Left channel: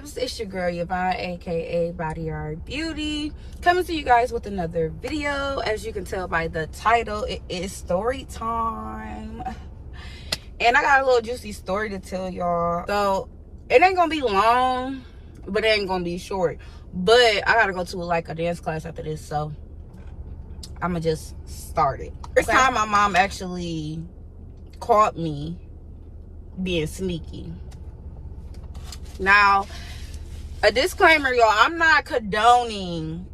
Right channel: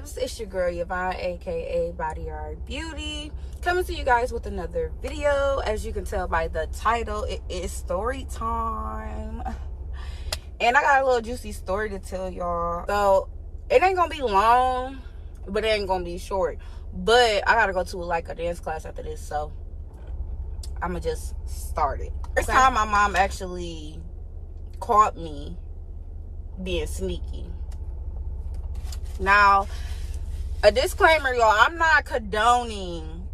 vibes? It's your girl Yvonne, aka Body Yard Beauty, coming to you guys with another video. As you can tell by the title, it is story time, and I got a little juicy story to tell y'all. So it ain't gonna be long, but it ain't gonna be short. But I gotta go to like a dance class after this, so I'ma just start it. First time my mom actually caught me being sneaky. Now, a disclaimer, y'all, I'm not condoning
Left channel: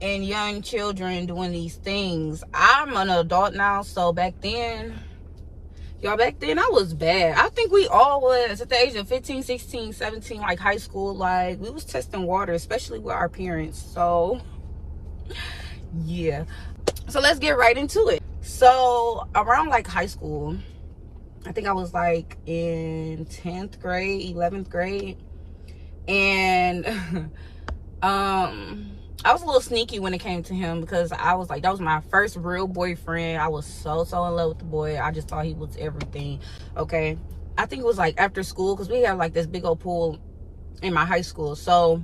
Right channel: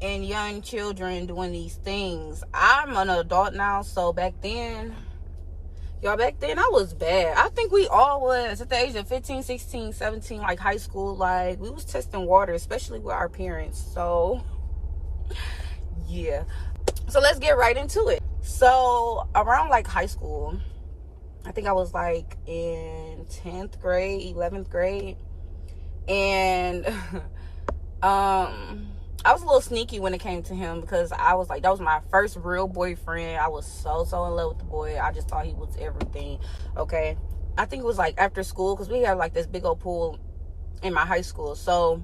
and young children doing these things. I'm an adult now, so back then, y'all, back then I was bad. I think we all was at the age of 15, 16, 17, like high school. Like, we was testing water, especially with our parents. So yeah, so let's get right into it. So around like high school, I think I was like in 10th grade, 11th grade. And I was a little sneaky when it came to him, because I was like, that was my first real boyfriend. I was so in love with the boy. I just thought he was everything. Okay, I think it was like after school, because we had like this big old pool in my high school. So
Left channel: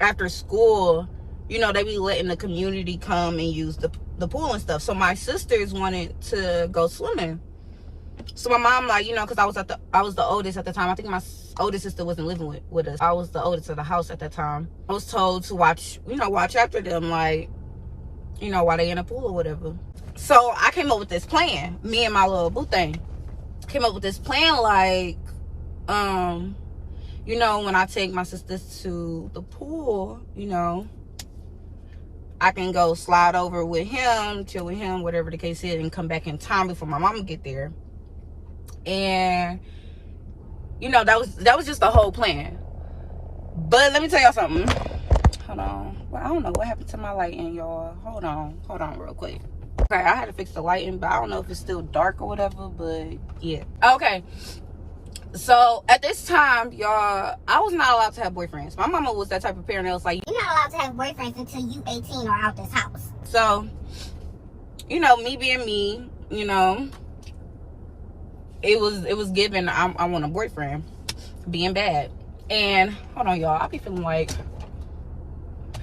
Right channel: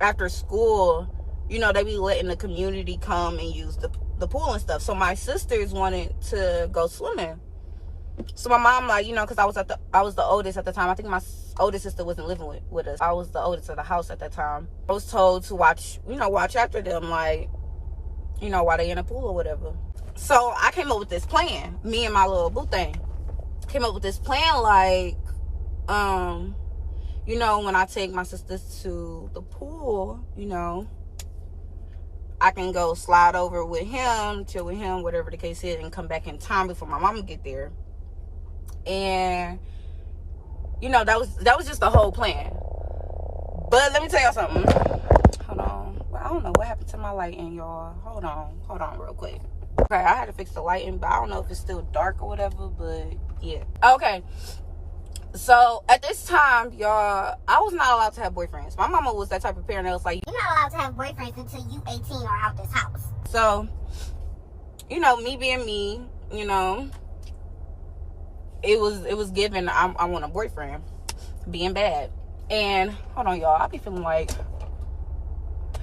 after school, you know, they be letting the community come and use the pool and stuff. So my sisters wanted to go swimming. So my mom, like, you know, because I was the oldest at the time. I think my oldest sister wasn't living with us. I was the oldest of the house at that time. I was told to watch after them, like, you know, while they in a pool or whatever. So I came up with this plan. Me and my little boo thing came up with this plan, like, you know, when I take my sisters to the pool, you know, I can go slide over with him, chill with him, whatever the case is, and come back in time before my mama get there. And you know, that was just the whole plan. But let me tell y'all something. Hold on. Well, I don't know what happened to my lighting, y'all. Hold on real quick. Okay, I had to fix the lighting, but I don't know if it's still dark or whatever, but yeah. Okay, so at this time, y'all, I was not allowed to have boyfriends. My mama was that type of parent that was like, you're not allowed to have boyfriends until you 18 or out this house. So, you know, me being me, you know, it was given, I want a boyfriend, being bad. And hold on, y'all, I be feeling like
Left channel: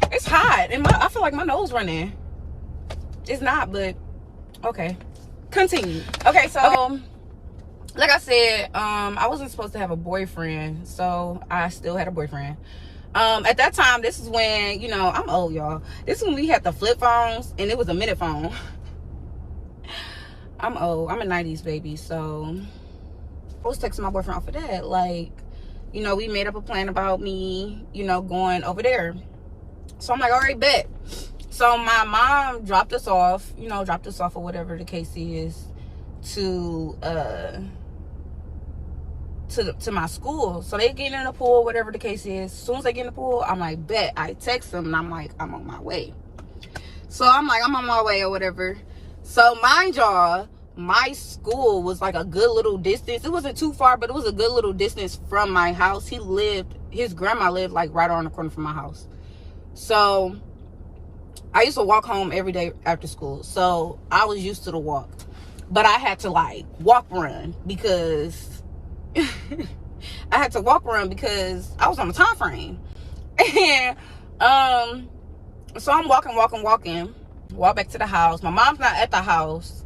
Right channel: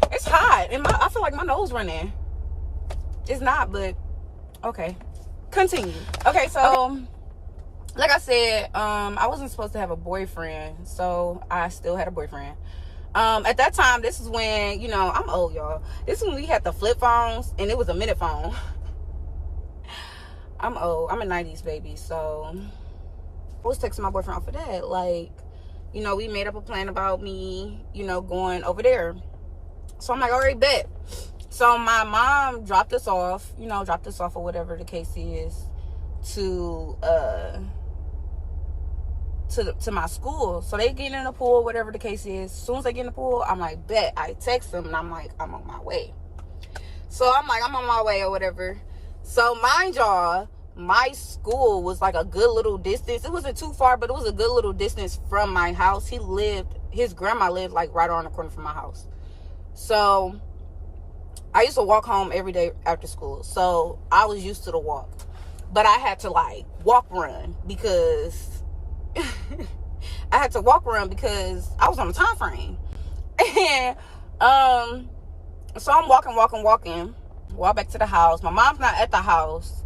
it's hot, and I feel like my nose running. It's not, but okay, continue. Okay, so like I said, I wasn't supposed to have a boyfriend, so I still had a boyfriend. At that time, this is when, you know, I'm old, y'all. This is when we had the flip phones, and it was a minute phone. I'm old. I'm a 90s baby, so I was texting my boyfriend off of that. Like, you know, we made up a plan about me, you know, going over there. So I'm like, all right, bet. So my mom dropped us off, you know, or whatever the case is, to my school. So they get in the pool, whatever the case is. As soon as they get in the pool, I'm like, bet. I text them, and I'm like, I'm on my way. So I'm like, I'm on my way or whatever. So mind y'all, my school was like a good little distance. It wasn't too far, but it was a good little distance from my house. His grandma lived like right around the corner from my house. So I used to walk home every day after school. So I was used to the walk. But I had to like run because I was on a time frame. And so I'm walking. Walk back to the house. My mom's not at the house.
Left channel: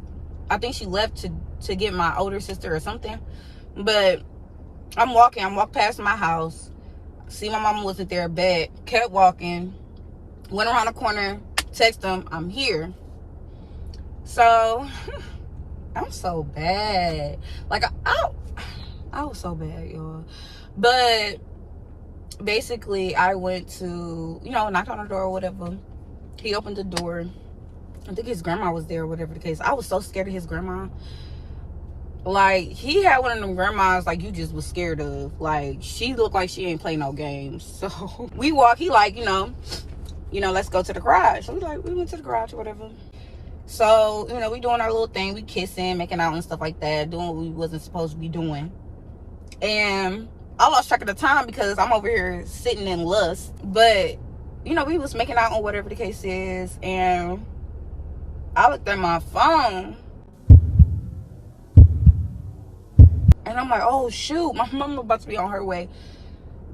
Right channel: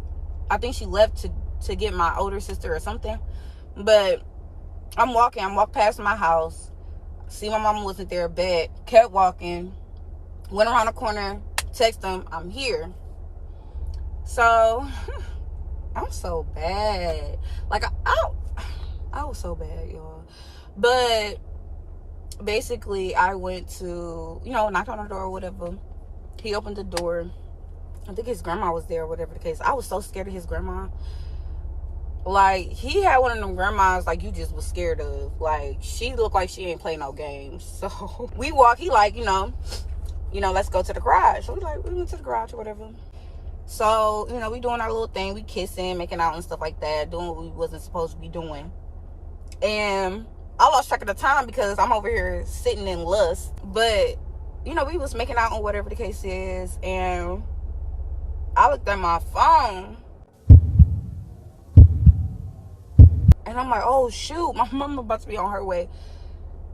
I think she left to get my older sister or something. But I'm walking. I walked past my house. See my mama wasn't there. Bet. Kept walking. Went around the corner. Text them, I'm here. So I'm so bad. Like, I was so bad, y'all. But basically, I went to, you know, knock on the door or whatever. He opened the door. I think his grandma was there or whatever the case. I was so scared of his grandma. Like, he had one of them grandmas like you just was scared of. Like, she looked like she ain't play no games. So we walk. He like, you know, let's go to the garage. So we went to the garage or whatever. So, you know, we doing our little thing. We kissing, making out and stuff like that. Doing what we wasn't supposed to be doing. And I lost track of the time because I'm over here sitting in lust. But, you know, we was making out or whatever the case is. And I looked at my phone. And I'm like, oh, shoot. My mama about to be on her way.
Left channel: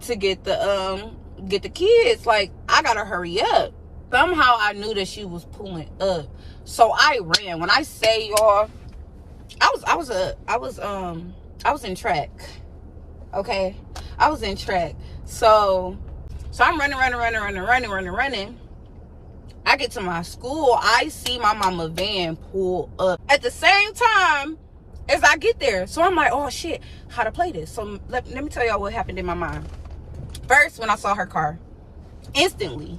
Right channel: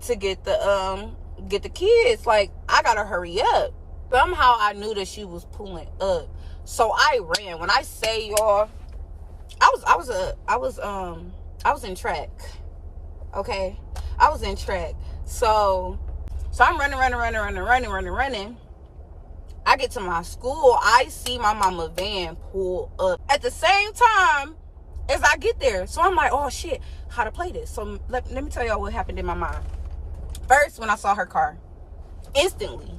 to get the kids. Like, I gotta hurry up. Somehow I knew that she was pulling up, so I ran. When I say, y'all, I was in track. Okay, I was in track. So I'm running. I get to my school. I see my mama van pull up at the same time as I get there. So I'm like, oh shit, how to play this? So let me tell y'all what happened in my mind. First, when I saw her car, instantly,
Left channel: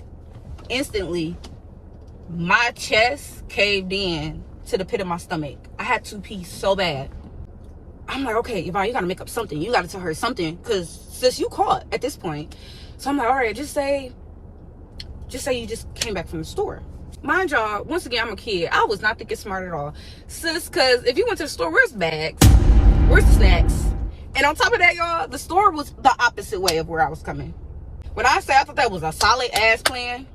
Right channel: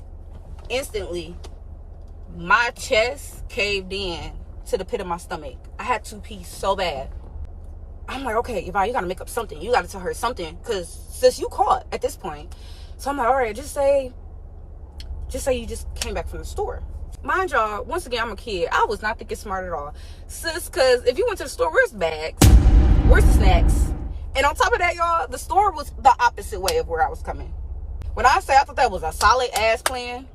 my chest caved in to the pit of my stomach. I had to pee so bad. I'm like, okay, Yvonne, you gotta make up something. You gotta tell her something, because sis, you caught at this point. So I'm like, all right, just say you just came back from the store. Mind y'all, once again, I'm a kid. I was not thinking smart at all, sis, because if you went to the store, where's bags? Where's snacks? And on top of that, y'all, the store was the opposite way of where I was coming. When I say I thought that was a solid ass plan,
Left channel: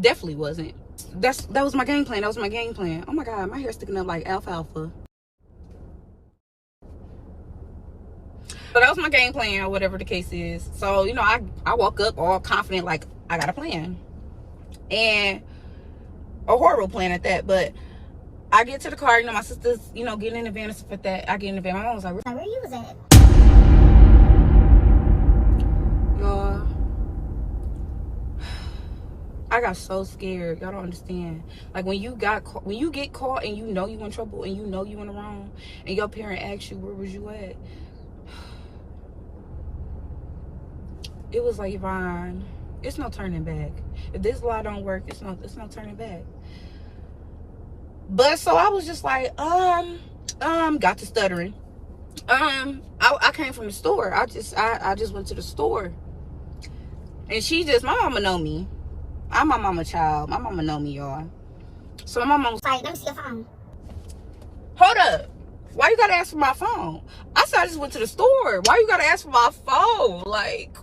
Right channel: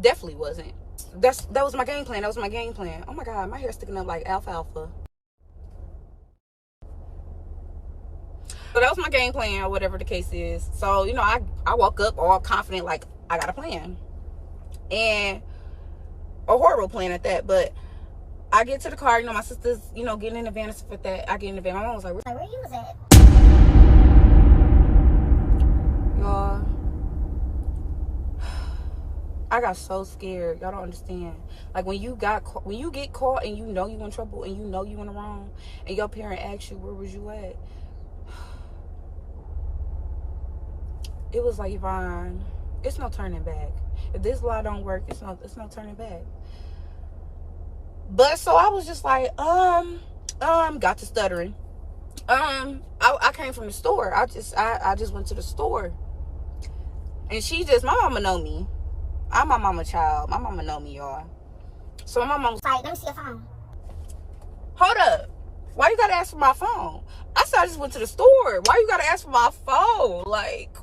definitely wasn't. That was my game plan. Oh my God, my hair's sticking up like alfalfa. So that was my game plan, or whatever the case is. So, you know, I woke up all confident, like I got a plan. And a horrible plan at that. But I get to the car, you know, my sister's, you know, getting in the van and stuff like that. I get in the van. My mom was like, where you was at? Y'all, I got so scared. Y'all don't understand. Like, when you get caught and you know you in trouble and you know you in the wrong, and your parent asks you, where was you at? It was like, Yvonne, it's no turning back. If this lie don't work, it's no turning back. But so I was just like, got to stuttering. I came from the store. I just went to the store. And my mama know me. I'm my mama child. My mama know me, y'all. So my mama was like, let me see your phone. Hold up. Why you gotta ask for my phone? I said I just went to the store. Why you gotta ask for my phone? Like,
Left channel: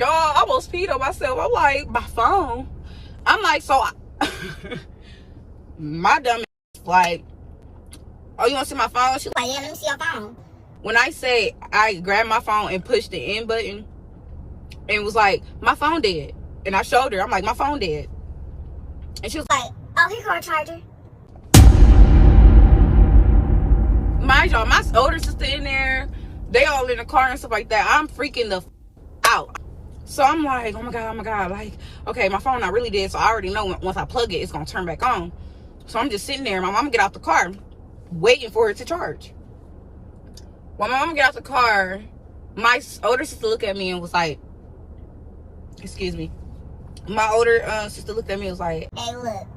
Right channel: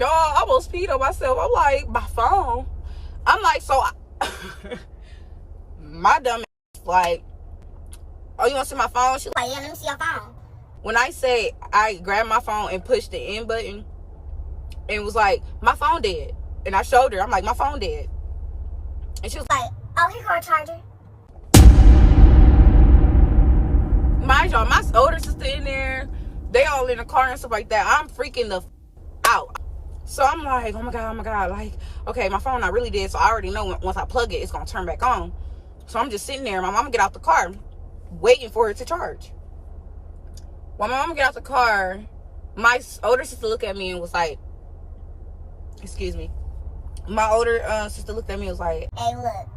y'all, I almost peed on myself. I'm like, my phone? I'm like, so my dumb ass, like, oh, you want to see my phone? She like, yeah, let me see your phone. When I say I grabbed my phone and pushed the end button and was like, my phone dead. And I showed her, I'm like, my phone dead. And she was like, oh, here go a charger. Mind y'all, my older sister in there, they all in the car and stuff like that. I'm freaking the out. So I'm like, oh my God, like, okay, my phone not really dead, so I already know once I plug it, it's gonna turn back on. So I'm just sitting there. My mama get out the car, waiting for it to charge. When my mama get out the car, my older sister looked at me and was like, excuse me. My older sister looked at me and was like, hey, look.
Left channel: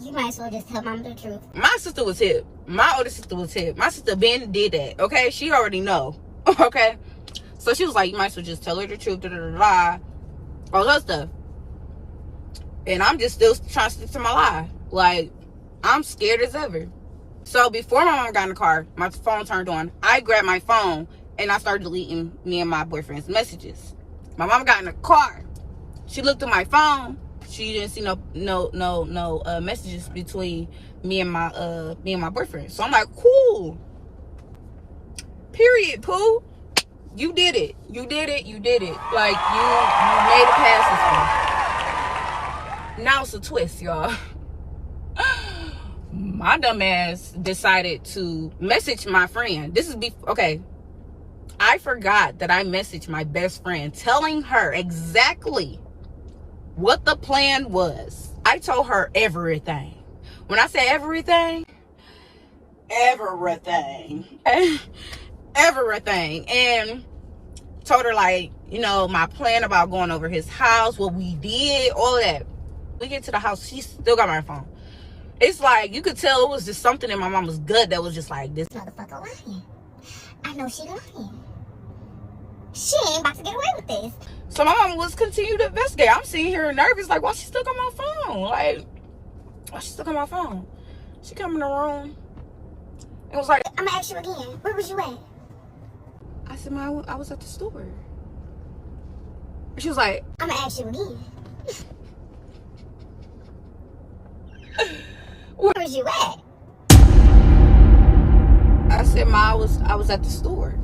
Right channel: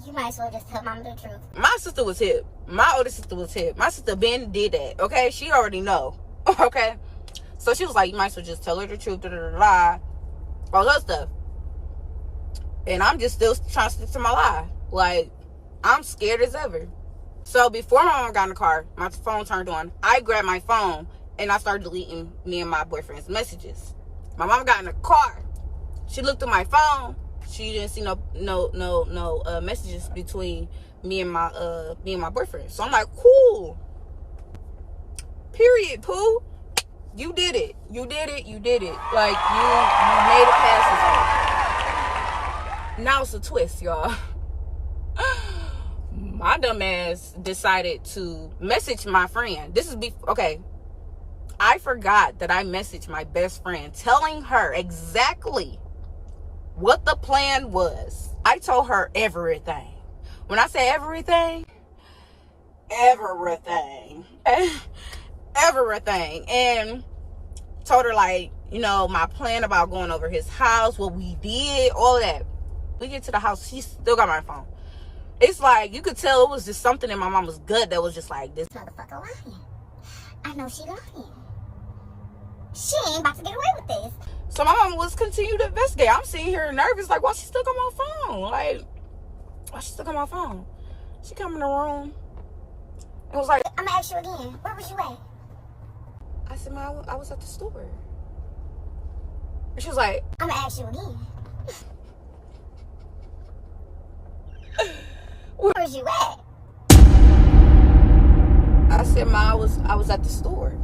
You might as well just tell mama the truth. My sister was hip. My older sister was hip. My sister Ben did that, okay? She already know, okay? So she was like, you might as well just tell her the truth, all that stuff. And I'm just still trying to stick to my lie. Like, I'm scared as ever. So before my mom got in the car, my phone turned on. I grabbed my phone and I started deleting me and my boyfriend's messages. My mom got in the car. She looked at my phone. She didn't see no messages between me and my boyfriend. So I'm like, cool. Period, Pooh. You did it. You did it. Like, you made it past this one. Now it's a twist, y'all. My dumb ass decided to message my friend. Okay. I forgot that I messaged my best friend telling her exactly what the plan was. I told her everything. When I say everything, everything. And told her, like, you know, my plan about going over his house, what we did, all of that. We get to the house, she still got my phone. It's like, you could tell it was just something in my mama's gut that was just like, this motherfucker lying. I know she lying. She ain't about to get away with this. So my mama was continuing to investigate. I'm sitting here nervous, like, why she stuck on my phone? Like, why she stuck on my phone? She come in the room and was like, I'm gonna ask you again, where was you at? I said, man, I was at the store. And she was like, I'm gonna ask you again. Where was you at? said, Ma, I was at the store.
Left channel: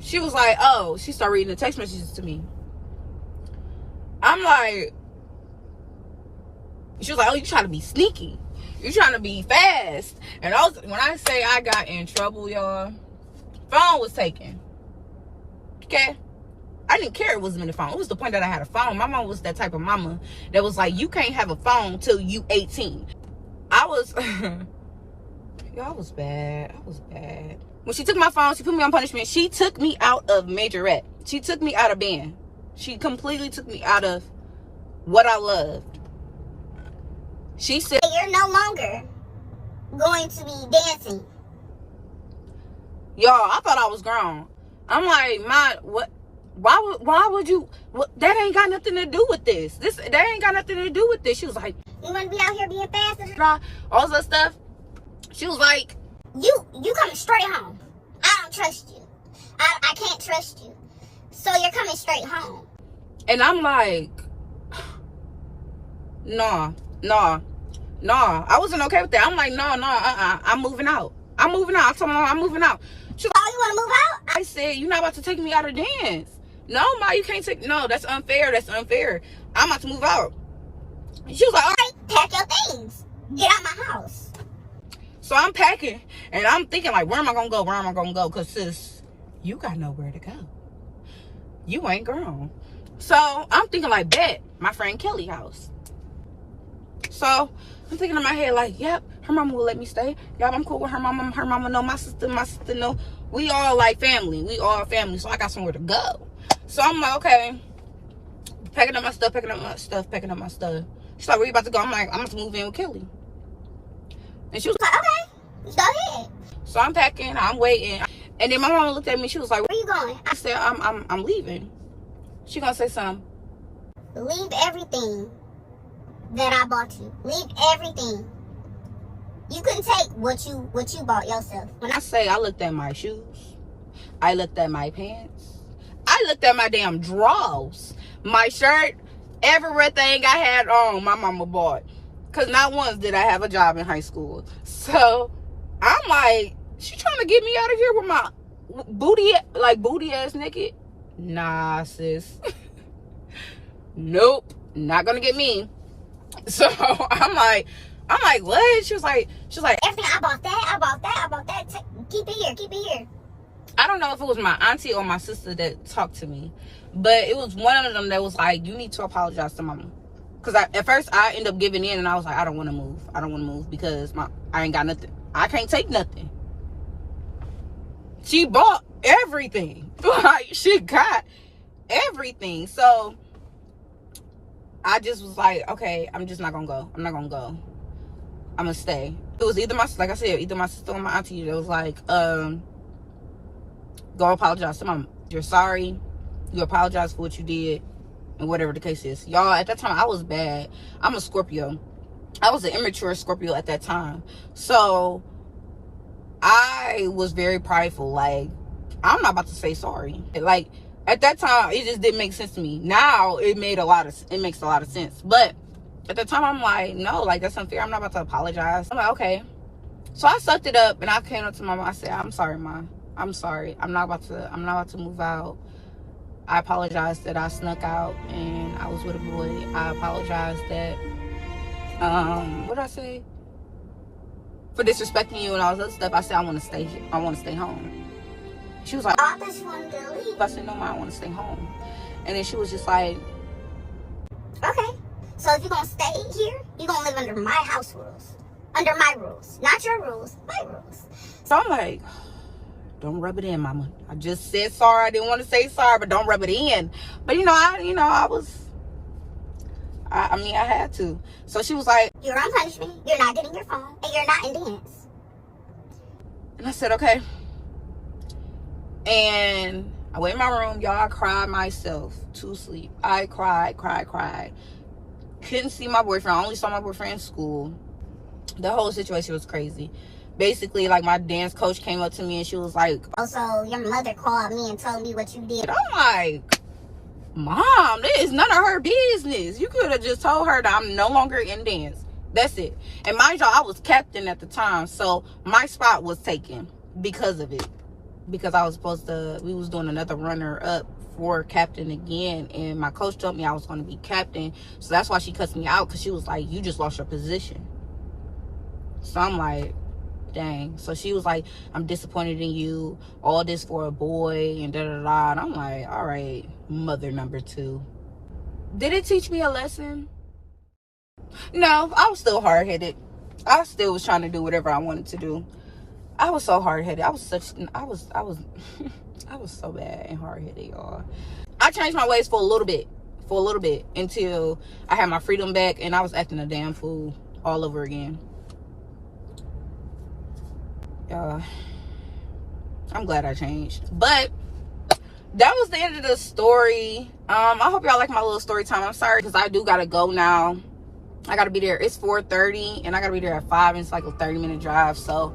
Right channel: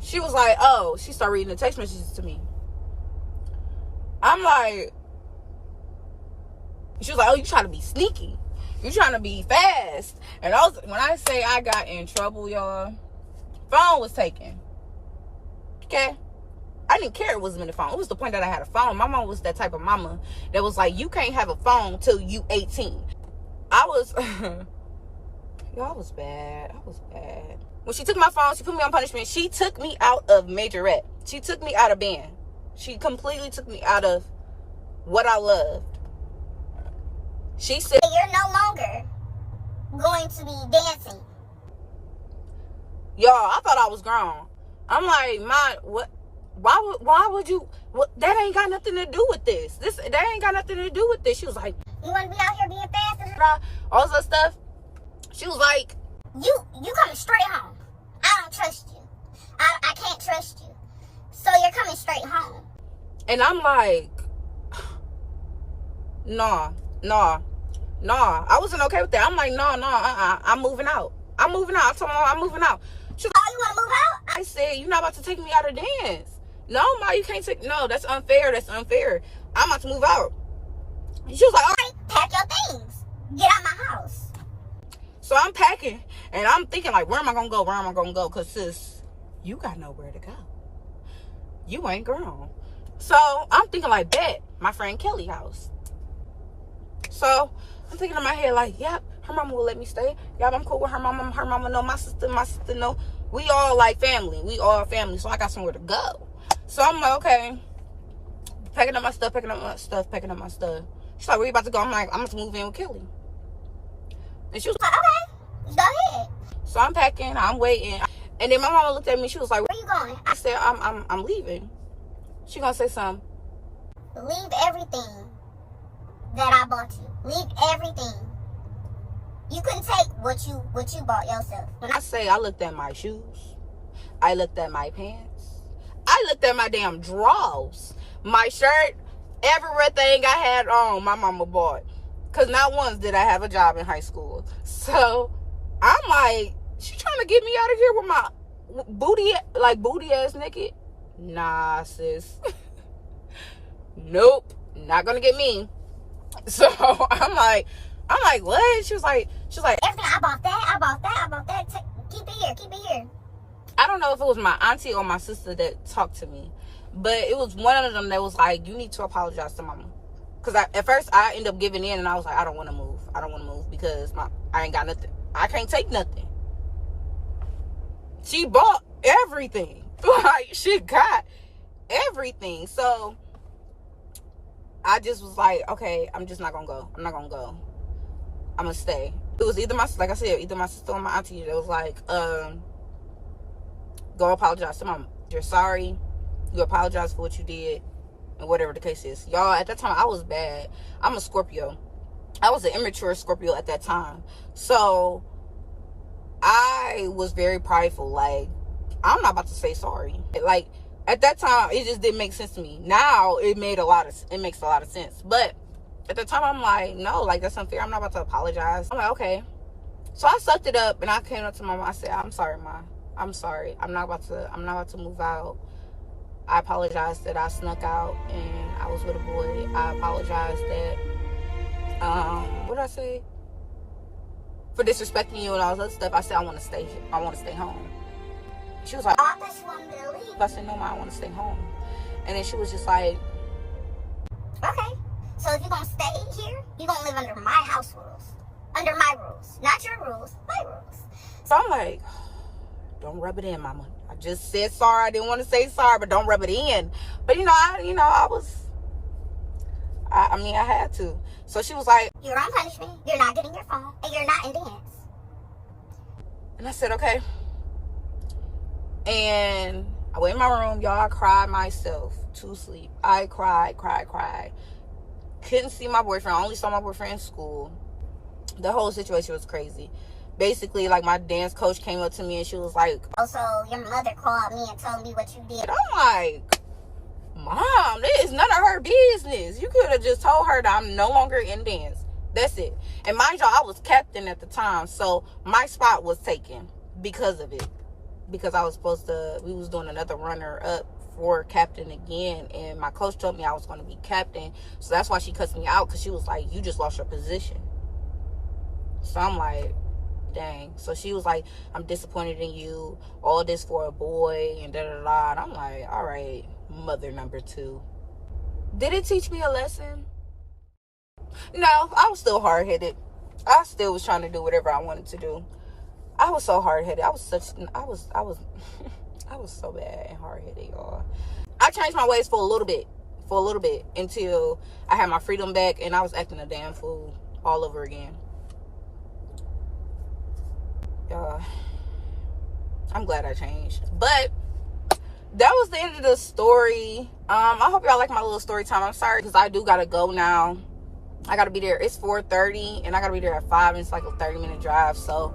She was like, oh, she started reading the text messages to me. I'm like, she was like, oh, you trying to be sneaky. You trying to be fast. And when I say I got in trouble, y'all, phone was taken. Okay? I didn't care it wasn't in the phone. It was the point that I had a phone. My mom was that type of mama that was like, you can't have a phone till you 18. I was, y'all, I was bad. I was bad. When she took my phone, she put me on punishment. She took me out of majorette. She took me out of band. She completely took me out of what I loved. She said, you're no longer going to be dancing. Y'all, I thought I was grown. I'm like, Ma, what? Why would you? What, that ain't got nothing to do with this. That ain't got nothing to do with this. She was like, you want to be out here being fast? All this stuff. She was like, you coming straight home. I don't trust you. I can't trust you. So you're coming straight home. And I'm like, nah. I wasn't okay with that. I'm like, no, I'm moving out. I told my mom I'm moving out. She was like, oh, you want to move out? I said, you're not about to take me out of dance. No, Ma, you can't take, no, that's unfair. I'm about to move out. She was like, all right, pack your things. Get out my house. So I'm packing, and I'm thinking, like, where am I going to go? Because, sis, you got nowhere to go. You ain't grown. So I'm thinking, like, bet, my friend Kelly's house. So I'm thinking in my head, like, yep, her mama will let me stay. Yep, I'm cool with her mama. Her mama know my sister know. We all like family. We all family. So I got somewhere to go. So I'm like, okay. Packing up my stuff. She's like, where you about to go? I'm like, I'm about to move in with Kelly. And she was like, okay, go ahead. So I'm packing, I'm waiting. And then my mama looked at me, she was like, where you going? I said, I'm leaving. She gonna say something. Leave everything that I bought you. Leave everything. You couldn't take what you bought yourself. When I say I looked at my shoes, I looked at my pants, I looked at my damn drawers, my shirt, everything I had on, my mama bought. Because not once did I have a job in high school. So I'm like, she trying to get me out of here with my booty ass naked? Nah, sis. Nope, not gonna get me. So I'm like, what? She was like, everything, I bought that. Keep it here. I don't know if it was my auntie or my sister that talked to me, but it was one of them that was like, you need to apologize to mama. Because at first I ended up giving in, and I was like, I don't want to move because I ain't got nothing. I can't take nothing. She bought everything. Like, she got everything. So I just was like, okay, I'm just not gonna go. I'm not gonna go. I'm gonna stay. It was either my sister or my auntie that was like, go apologize to mama. You're sorry. You apologize for what you did, and whatever the case is. Y'all, at that time, I was bad. I'm a Scorpio. I was an immature Scorpio at that time. So I was very prideful. Like, I'm not about to say sorry. Like, at that time, it just didn't make sense to me. Now it makes a lot of sense. But at the time, I'm like, no, like, that's unfair. I'm not about to apologize. I'm like, okay. So I sucked it up, and I came up to my mom. I said, I'm sorry, Mom. I'm sorry. I'm not about to move out. I apologize that I snuck out and I was with a boy. I apologize that, what did I say? For disrespecting you and all this other stuff. I said, I want to stay here. I want to stay home. She was like, I thought you wanted to leave. I said, no, Mom, I want to stay home. And then she was just like, okay. So if you're going to stay here, you're going to live under my house rules. Under my rules. Not your rules, my rules. So I'm like, don't rub it in, Mama. I just said sorry. I didn't want to say sorry, but don't rub it in. But I had to. So she was like, you're on punishment. You're not getting your phone, and you're not in dance. And I said, okay. And I went in my room, y'all. I cried myself to sleep. I cried. Couldn't see my boyfriend. I only saw my boyfriend in school. The whole situation was crazy. Basically, like, my dance coach came up to me and she was like, oh, so your mother called me and told me what you did. I'm like, Mom, that is none of her business. You could have just told her that I'm no longer in dance. That's it. And mind y'all, I was captain at the time, so my spot was taken because of it. Because I was we was doing another runner up for captain again, and my coach told me I was going to be captain, so that's why she cussed me out, because she was like, you just lost your position. So I'm like, dang. So she was like, I'm disappointed in you, all this for a boy, and da-da-da. And I'm like, all right, mother number 2. Did it teach me a lesson? No, I was still hard-headed. I still was trying to do whatever I wanted to do. I was so hard-headed. I was so bad and hard-headed, y'all. I changed my ways for a little bit, until I had my freedom back, and I was acting a damn fool all over again. I'm glad I changed. But that was the end of the story. I hope y'all like my little story time. I'm sorry, because I do gotta go now. I gotta be there. It's 4:30, and I gotta be there at 5, and it's like a 30-minute drive. So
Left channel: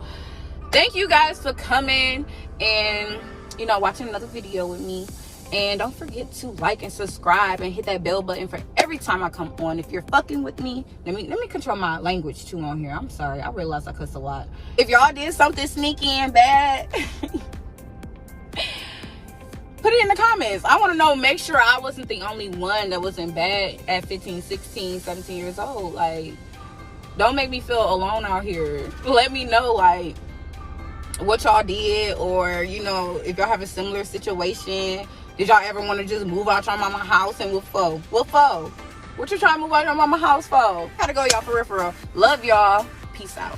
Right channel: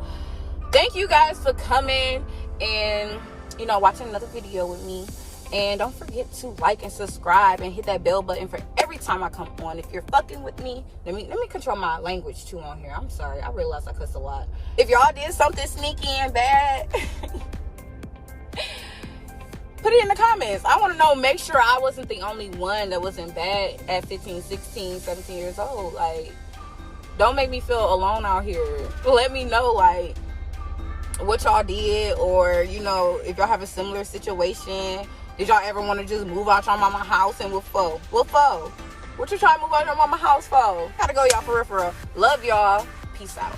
thank you guys for coming and, you know, watching another video with me. And don't forget to like and subscribe and hit that bell button for every time I come on. If you're fucking with me, let me control my language too on here. I'm sorry, I realize I cuss a lot. If y'all did something sneaky and bad, put it in the comments. I want to know. Make sure I wasn't the only one that wasn't bad at 15, 16, 17 years old. Like, don't make me feel alone out here. Let me know, like, what y'all did, or, you know, if y'all have a similar situation. Did y'all ever want to just move out your mama's house, and what for? What you trying to move out your mama's house for? Gotta go, y'all, for real. Love y'all. Peace out.